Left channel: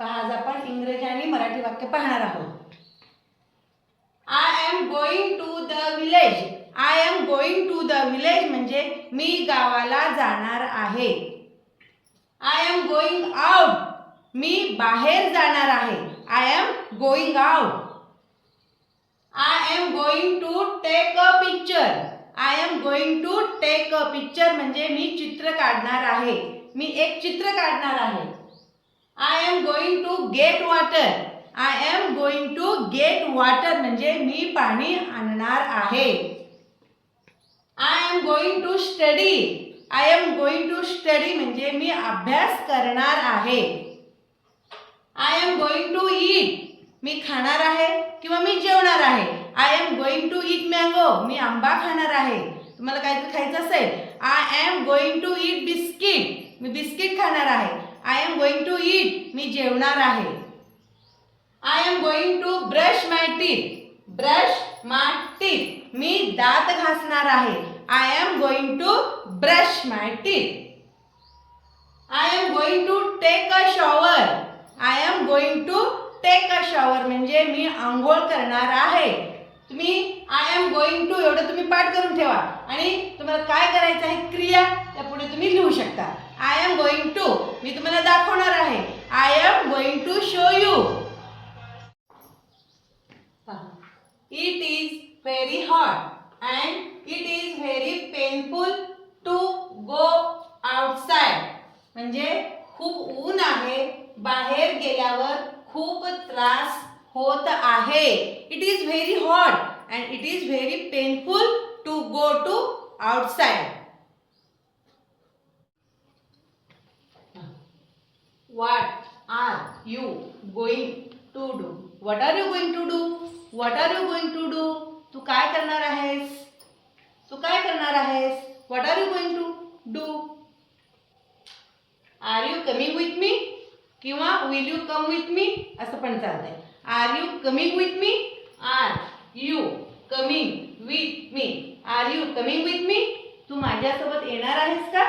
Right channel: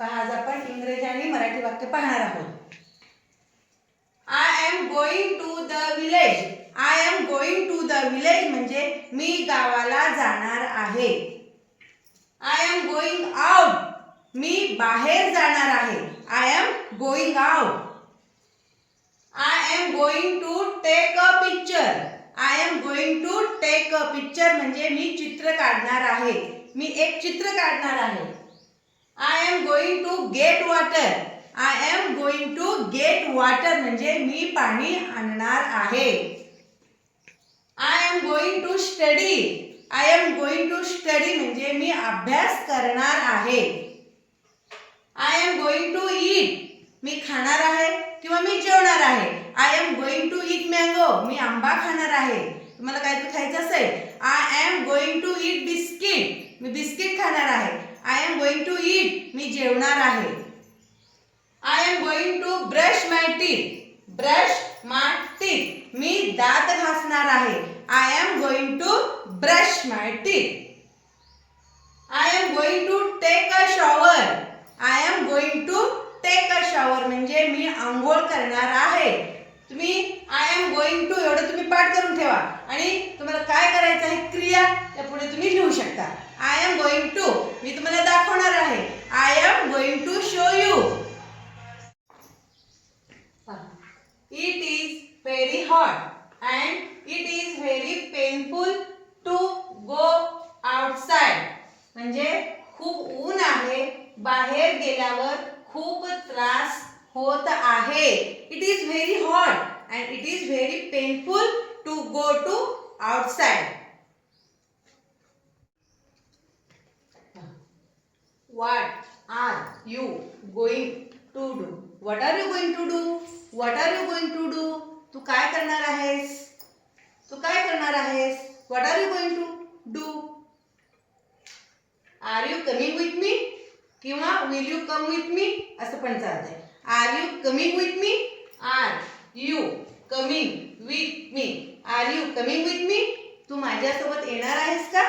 पहा आज आपण इंग्रजी आणि मराठी वाक्य पाहणार आहोत. I am going to the village I am going to the village म्हणजे मी गावाला जाणार आहे. आय एम गोइंग आउट मी बाहेर जाणार आहे. I am going out I am going to take a picture I am going to take a picture म्हणजे मी चित्र काढणार आहे. मी एक चित्र काढणार आहे. I am going to get water I am going to get water म्हणजे मी पाणी आणणार आहे. I am going to study I am going to study म्हणजे मी अभ्यास करणार आहे. I am going to eat मी खाणार आहे किंवा मी जेवणार आहे. I am going to eat mango मी आंबा खाणार आहे. तुम्हाला काहीतरी खायचं असेल. I am going to eat biscuit me biscuit खाणार आहे. I am going to eat मी जेवणार आहे. I am going to brush my teeth brush my teeth मी दात घासणार आहे. I am going to brush my teeth I am going to take a shower I am going to take a shower म्हणजे मी आंघोळ करणार आहे. तुम्ही I am going to एवढं तुम्ही पाठ करून ठेवा. आणि तुम्हाला काय करायचं आहे? क्रिया. त्या पुढे तुम्ही लिहू शकता. आय एम गोइंग मी तुम्हाला दाखवणार आहे. I am going to show you it is very hot and it is very painful to go outside म्हणजे खूप ऊन आहे. बाहेर गेल्यावर खूप त्रास होत आहे. It is very hot and it is very painful to go to outside What are you going to do? What are you going to do? What are you going to do? तू काय करणार आहेस तू काय करणार आहेस What are you going to do? Are you coming with me? किंवा will you come with me? असं पण चालतंय Are you coming with me? Are you coming with me? Are you coming with me? तू माझ्यासोबत येणार आहेस का